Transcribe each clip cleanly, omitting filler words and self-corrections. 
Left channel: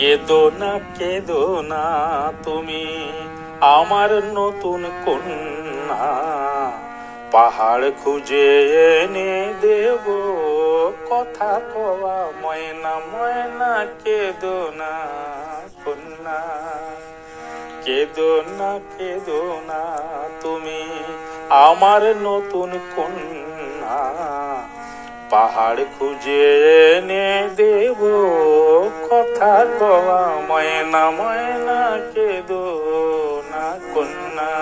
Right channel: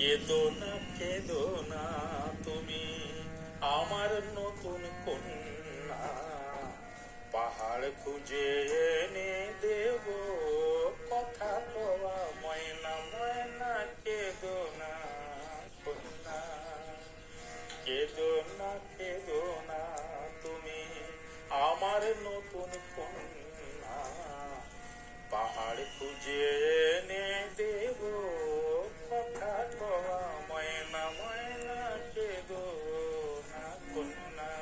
কেঁদো না তুমি আমার নতুন কন্যা, পাহাড় খুঁজে এনে দেব কথা কওয়া ময়না। ময়না কেঁদো না কন্যা, কেঁদো না তুমি আমার নতুন কন্যা, পাহাড় খুঁজে এনে দেব কথা কওয়া ময়না। ময়না কেঁদো না কন্যা।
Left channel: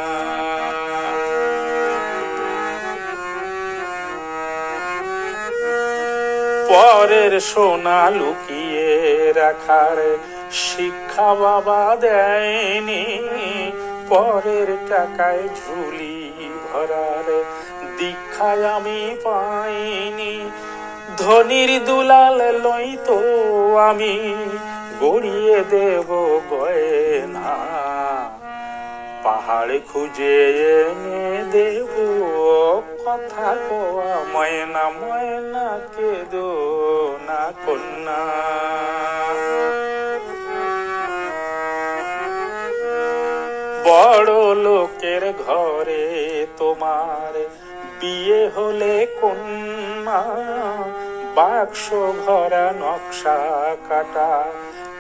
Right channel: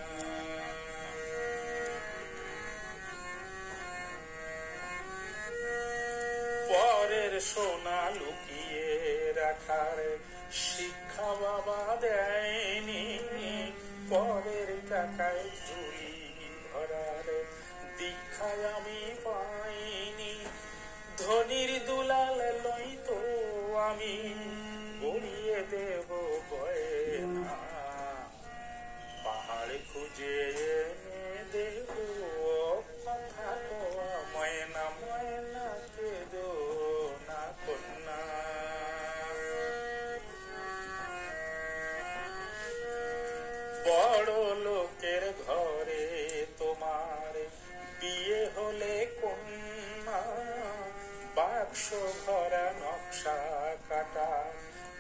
পরের সোনা লুকিয়ে রাখার শিক্ষা বাবা দেয়নি, পরের টাকায় ঝুলি ভরার দীক্ষায় আমি পাইনি। ধনির দুলাল লই তো আমি গড়িয়ে দেব গয়না, পাহাড় খুঁজে এনে দেব কথা কওয়া ময়না। ময়না কেঁদো না কন্যা। বড় লোকের ঘরে তোমার বিয়ে হলে কন্যা, বাক্স ভরা নকশা কাটা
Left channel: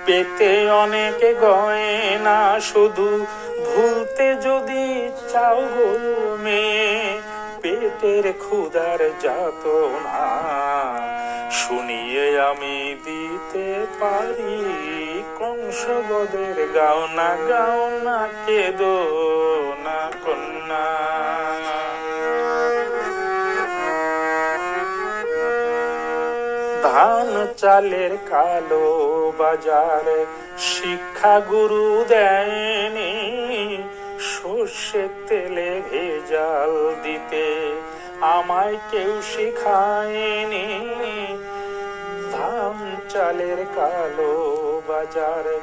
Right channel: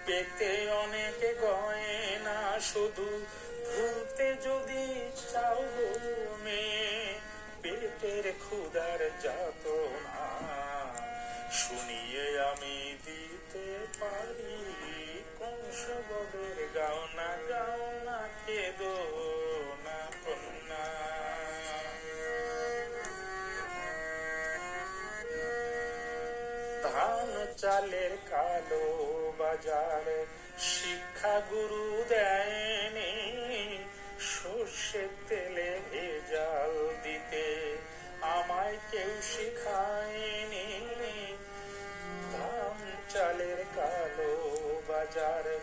পেতে অনেক গয়না, শুধু ভুলতে যদি চাও গো মেয়ে পেটের ক্ষুধার যাতনা, শুনিয়ে আমি দিতে পারি কংসবদের গাওনা। গাওনা কেঁদো না কন্যা। ধান চালের কালো বাজারে শিক্ষা গুরু দেয়নি, সর্ষের তেলে ভেজাল দিতে আমায় কেউ শিখায়নি। ধান চালের কালো বাজারে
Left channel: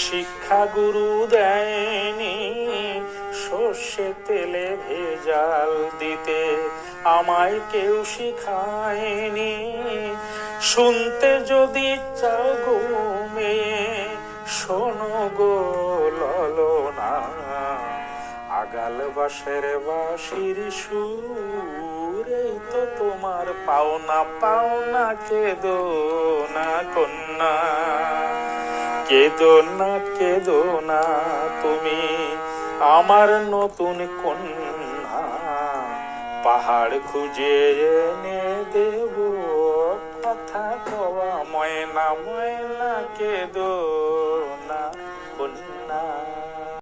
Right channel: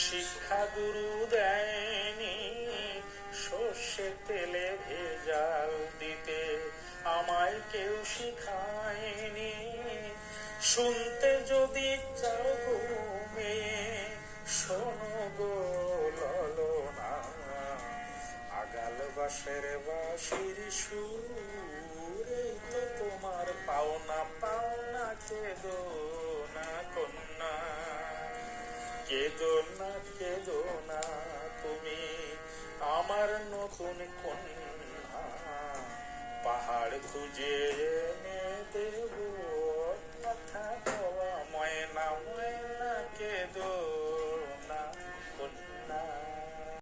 শিক্ষা গুরু দেয়নি, সর্ষের তেলে ভেজাল দিতে আমায় কেউ শিখায়নি। শুনতে যদি চাও গো মেয়ে শোনো গো ললনা, আগাল বাঁশের বাঁশির সুর এই তো তোমার পাওনা। পাওনা কেঁদো না কন্যা, কেঁদো না তুমি আমার নতুন কন্যা, পাহাড় খুঁজে এনে দেব কথা কওয়া ময়না। ময়না কেঁদো